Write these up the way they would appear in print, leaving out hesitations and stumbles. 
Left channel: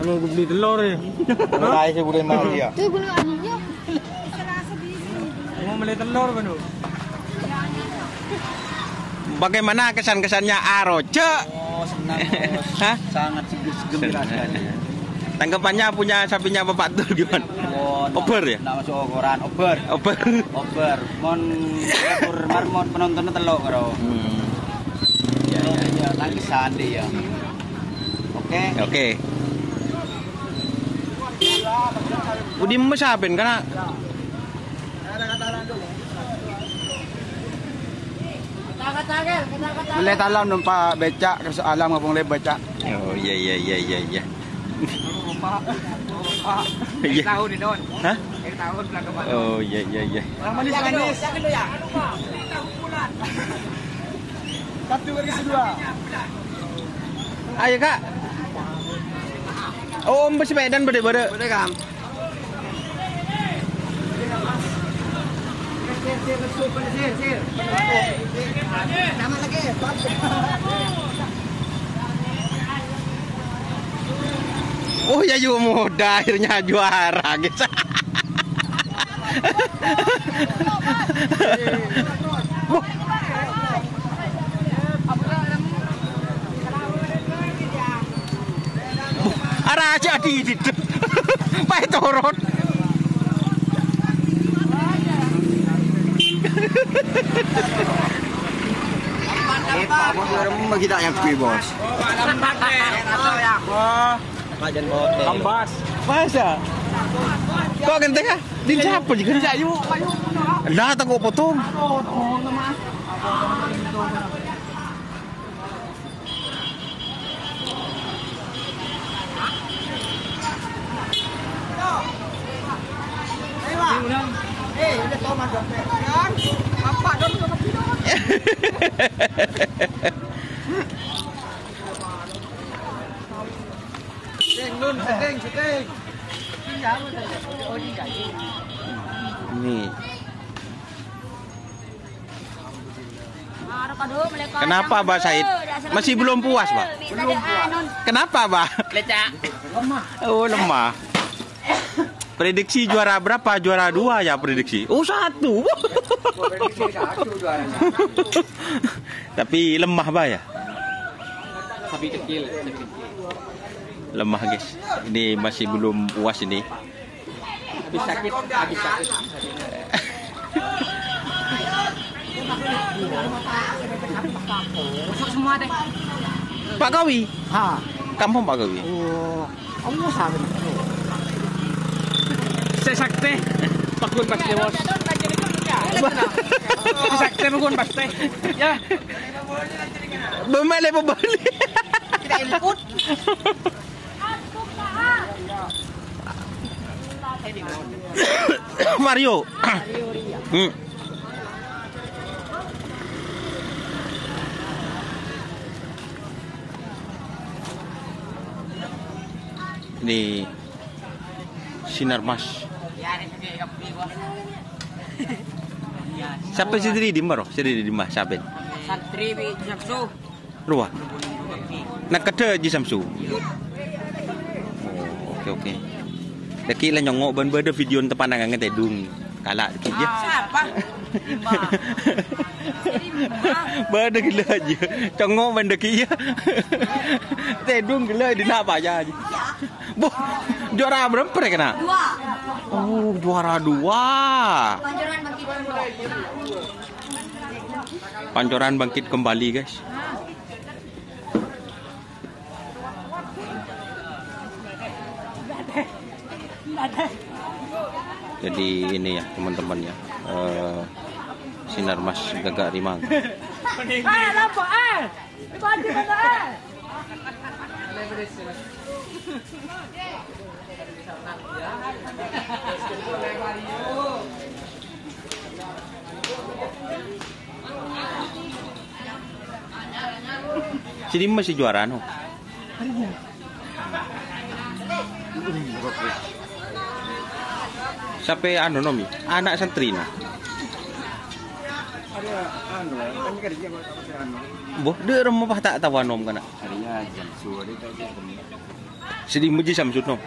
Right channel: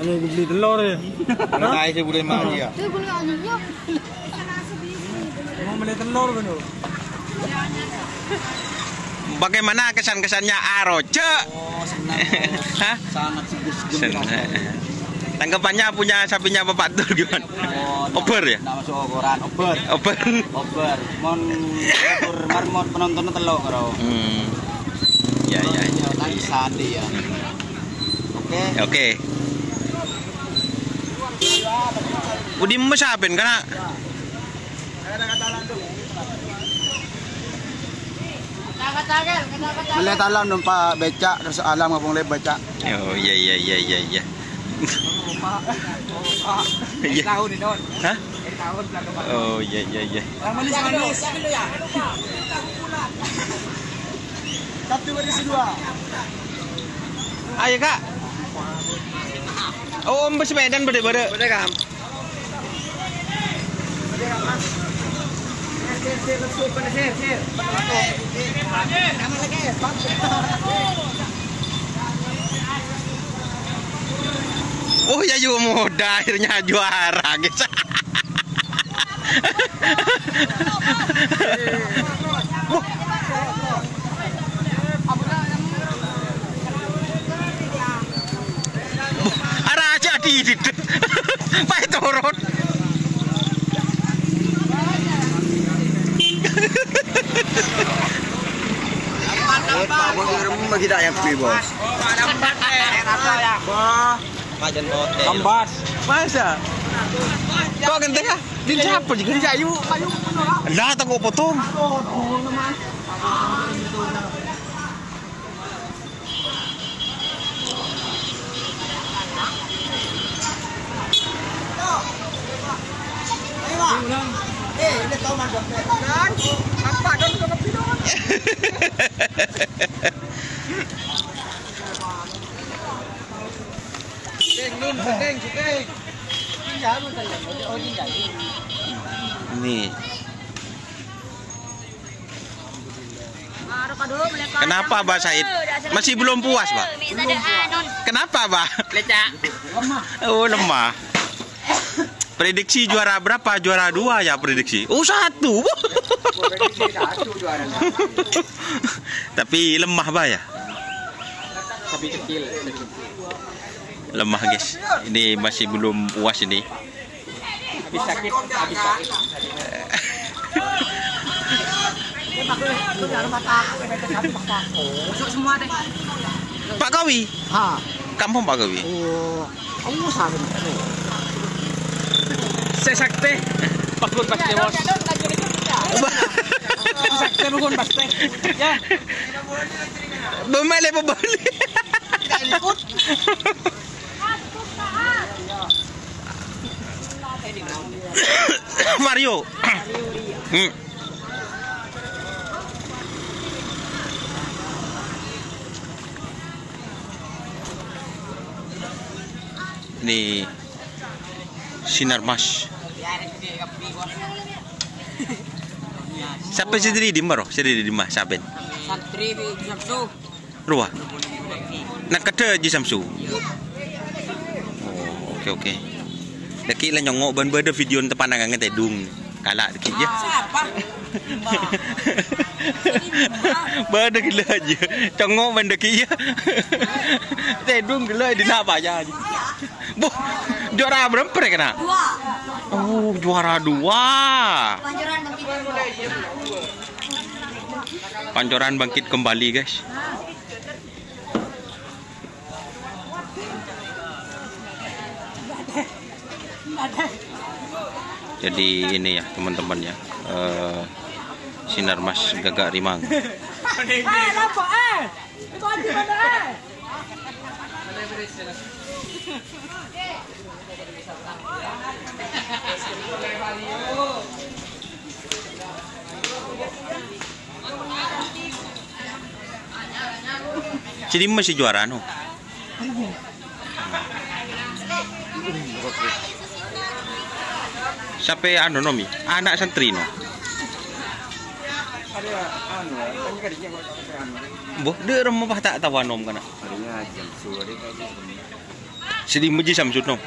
Anu beli telur ya. Kalau tahu saya boleh mau dia. Mau beli telur kan? Bagaimana kesan-kesannya Aroce? Oh, senang. Hah? Sangat gembira. Tanggapannya punya sapinya Bapak Tur gimana? Oh, Ober ya? Nggak masuk ukuran. Ober. Ober. Ober. Mon ukur marmon penontonnya telok karo. Ya. Tadi sandi ya. Oke. Oke. Udah mesapin karena Melihat alam numpak becak terus alam ngomong le becak. oh iya. Tahun ini don. Hah? Tahun belakang. Oh iya. Manis. Satu baris dua. Ayo Kak. Oh, Om bersepeda berde. Udah kan. Sir. Jangan lagi. Oh ya juga muda akhirnya juara guys. Arah aja di itu. Pak turun. Kita yang bos. Kajian bote. Ambas. Masa? Kok genteng ya? Din siapa juga di ayu. Lah tunggu potong. Ini tahu mana kan? Apa don ke kepidon? Nih. Kenapa Mbak Said? Masih belum puas, Pak? Belum puas. Kenapa, Pak? Lemah. Oh, lemah. Prediksi juara berapa? Juara 2 ya prediksi. Oh, 1. Tapi lemah, Pak ya? Sapi kecil. Lemah, guys. Ini masih belum puas ini. Habis sakit. Masuk semua deh. Pak Kawi. Ha. Kampung Pak Kawi. Oh, kamu sabi na ano? Sesakte. Pagkun pasti bos. Sesakte pagkun pasti. Ya. Bumalik. Kita input. Mario. Ini Sinar Mas. Siapa sendiri di maro? Sendiri di mah saben. Santri bi Samsu. Ruah. Nak kata di Samsu. Oh, oke. Daki lah nyongok ban berde video tepan nang tedung. Kalak daki je. Siapa? Berde gila aja. Congok ban daki ya. Tedung gila di nak apa aja. Boh, juara berapa kena? 2. Oh, juara 2. Pancoran bangkit kembali, guys. Jadi ini ya teman-teman ya, Sinar Mas Gagak Rimang. Jadi masih juara no. Sampai anu nomi, anak santri no. Boh, de remah tak tahu nom kana. Sedih muji Samsud no.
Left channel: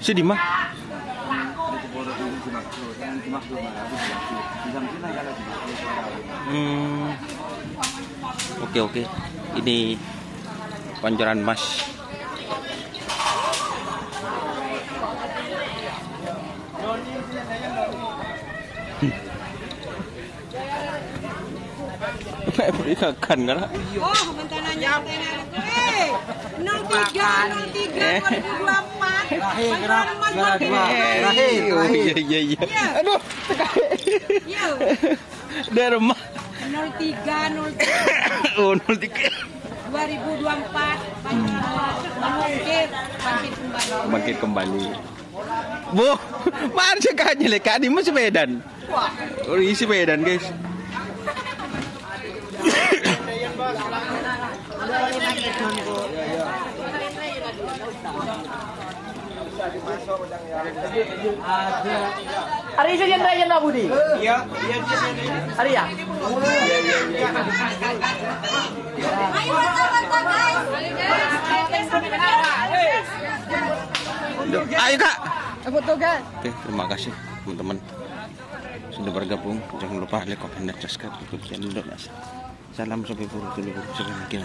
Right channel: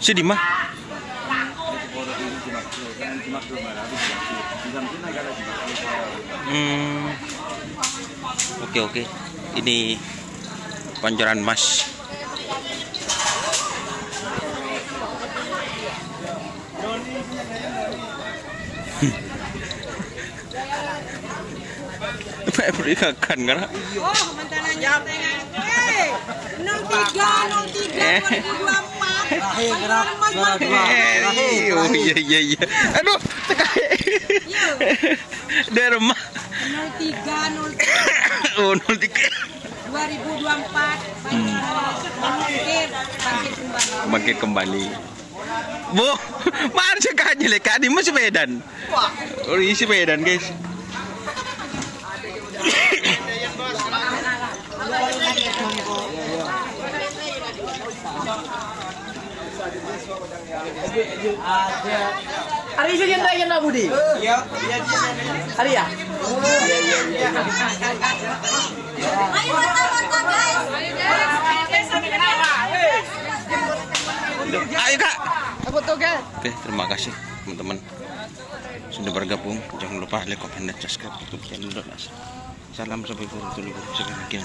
Sedih mah. Oke. Ini pancoran mas. Berikan kan? Oh, mentananya tengah. 03 2024. Oh iya. Aduh, tekan. Dari rumah. 03 Oh 03. 2024. Bangkit kembali. Bu, mana sih kayaknya leka di mas sepedan. Oh, isi sepedan guys. Hari ini jendela Budi. Iya. Hari ya. Ayo kak. Aku tuh kan. Oke, terima kasih teman-teman sudah bergabung. Jangan lupa like, comment, dan subscribe YouTube channel Donas. Salam sampai bertemu sampai mikir.